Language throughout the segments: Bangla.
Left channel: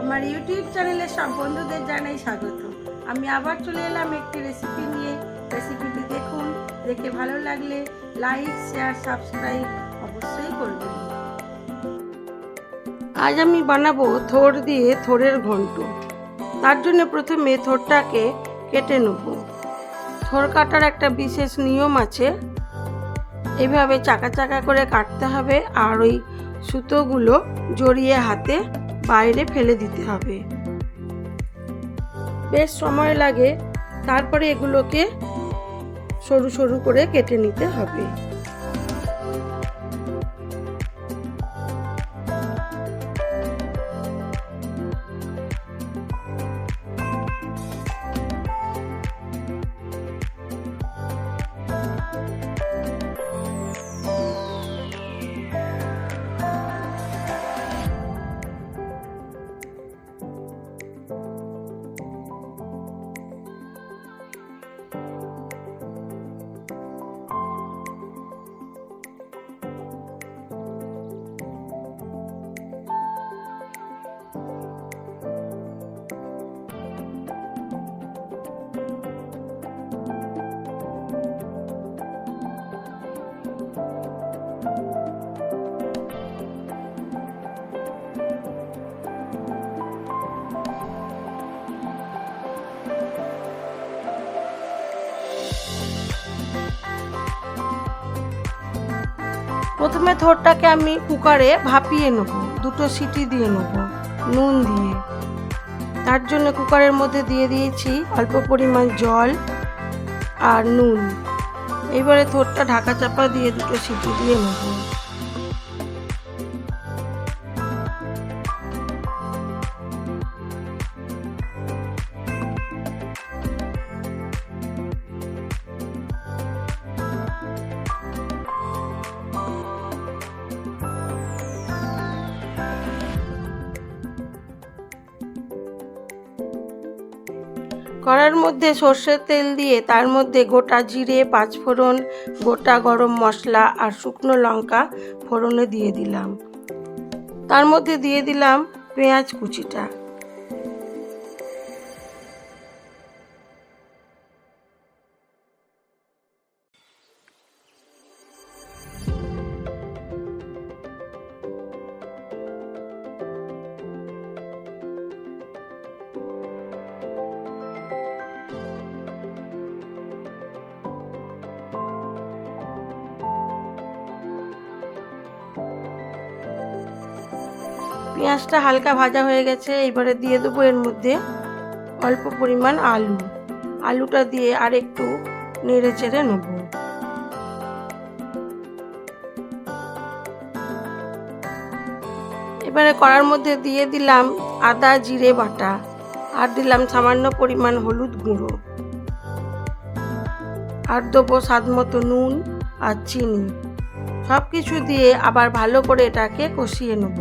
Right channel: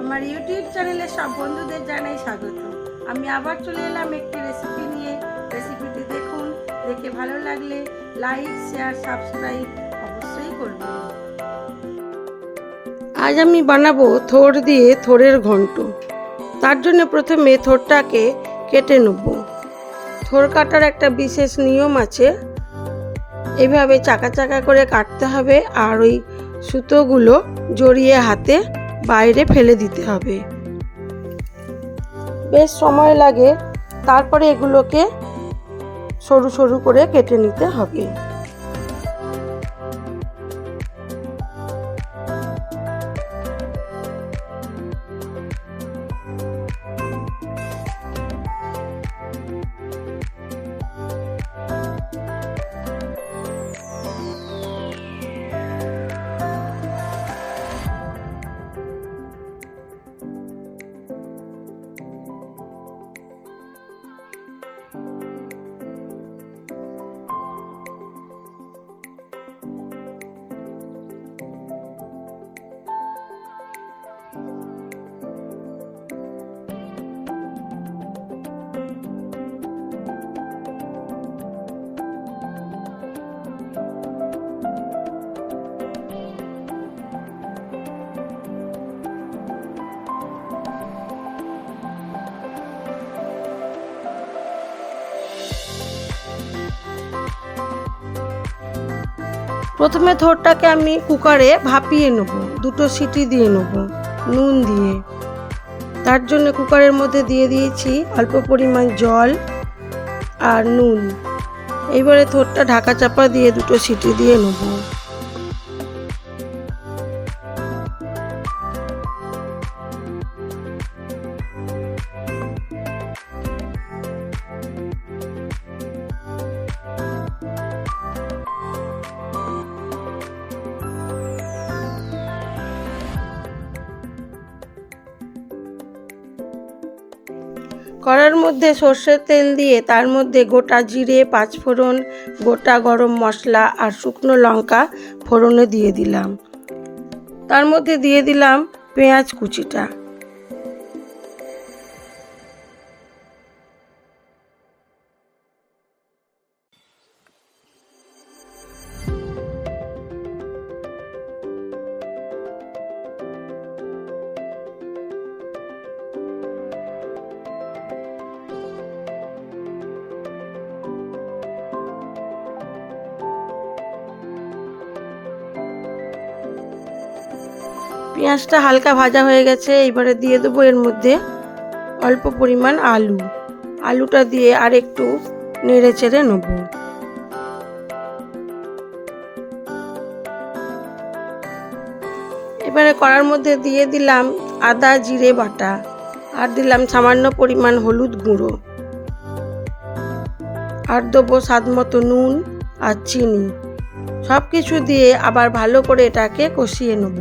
আমার ইউটিউব চ্যানেলে সব বন্ধুদের জানাই স্বাগত। আমি আবার চলে এলাম একটি রেসিপি নিয়ে। রেসিপিটি দেখুন, দেখে ভালো লাগলে লাইক, শেয়ার, সাবস্ক্রাইব অবশ্যই করবেন। আজ আমি বানাবো থোড় দিয়ে থোড়ের ঘন্ট। তার জন্য প্রথমে থোড়টাকে কেটে নেব। থোড় কাটার একটা বিশেষ নিয়ম আছে, এভাবে চাকা চাকা করে কাটতে হবে আর ওই সুতোগুলো জড়িয়ে হাতে বাইরে ফেলে দিতে হবে। বেশ সময় লাগে, তারপরে এগুলোকে সরু সরু করে কেটে নিতে হবে। প্রথমে থোড়টাকে আমি কুকারে ভাপিয়ে নেব, 2 সিটি দিয়ে নেব নুন দিয়ে। তার জন্য কুকারের মধ্যে দিয়ে দিয়েছি অল্প পরিমাণ জল আর নুন। এইবারে থোড়টা ঢাকা চাপা দিয়ে 2 সিটি দিয়ে নেব। কড়ার মধ্যে সর্ষের তেল দিয়ে তার মধ্যে গোটা জিরে, 5 ফোড়ন, গোটা গরম মশলা আর শুকনো লঙ্কা ফোড়নে দিয়ে দিলাম। তার মধ্যে দিয়ে দিলাম পেঁয়াজ কুচিটা। পেঁয়াজটা হালকা ভাজা হয়ে গেছে, এবারে দিয়ে দেবো এর মধ্যে অল্প পরিমাণ আলু। আলুটা দিয়ে আর একটু নেড়ে চেড়ে নেব। এবারে কড়ার মধ্যে দিয়ে দিলাম আদা জিরে বাটা আর দিলাম সামান্য পরিমাণ হলুদ গুঁড়ো আর দেবো স্বাদ মতো নুন আর চিনি। সব কিছু দিয়ে আবার ভালো করে এটাকে কষিয়ে নেব।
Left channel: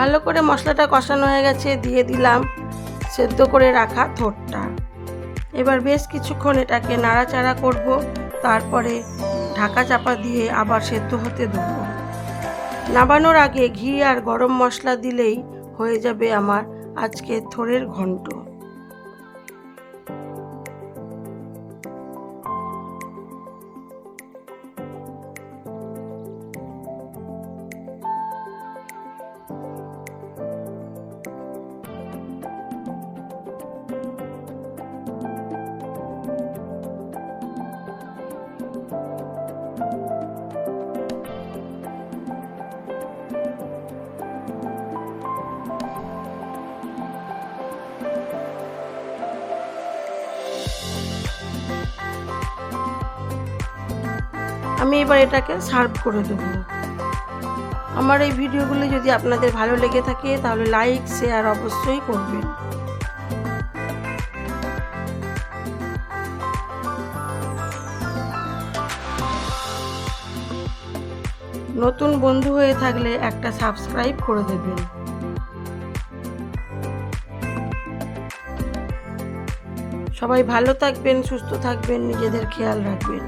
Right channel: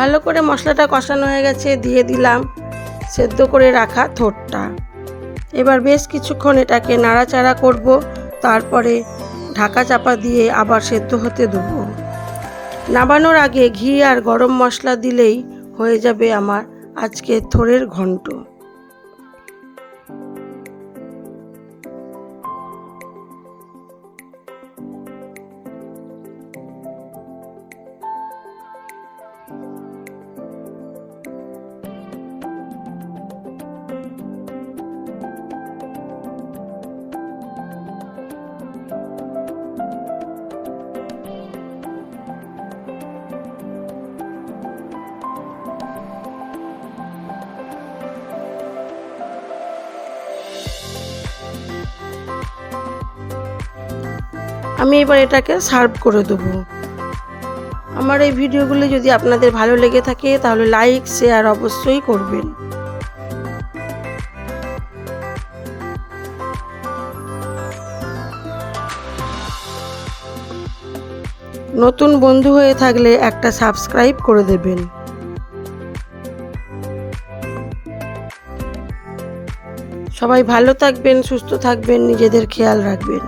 ভালো করে মশলাটা কষানো হয়ে গেছে, দিয়ে দিলাম সেদ্ধ করে রাখা থোড়টা। এবার বেশ কিছুক্ষণ এটাকে নাড়াচাড়া করব, তারপরে ঢাকা চাপা দিয়ে আবার সেদ্ধ হতে দেবো। নামানোর আগে ঘি আর গরম মশলা দিলেই হয়ে যাবে আমার আজকে থোড়ের ঘন্ট। আমি এবার এটাকে সার্ভ করে দেবো। আমার এই ভিডিওগুলি যদি আপনাদের ভালো লেগে থাকে তাহলে লাইক শেয়ার অবশ্যই করবেন। নতুন বন্ধু হয়ে থাকলে একটা সাবস্ক্রাইব করে দেবেন। সবাই ভালো থাকবেন, সুস্থ থাকবেন, নিজেদের খেয়াল রাখবেন।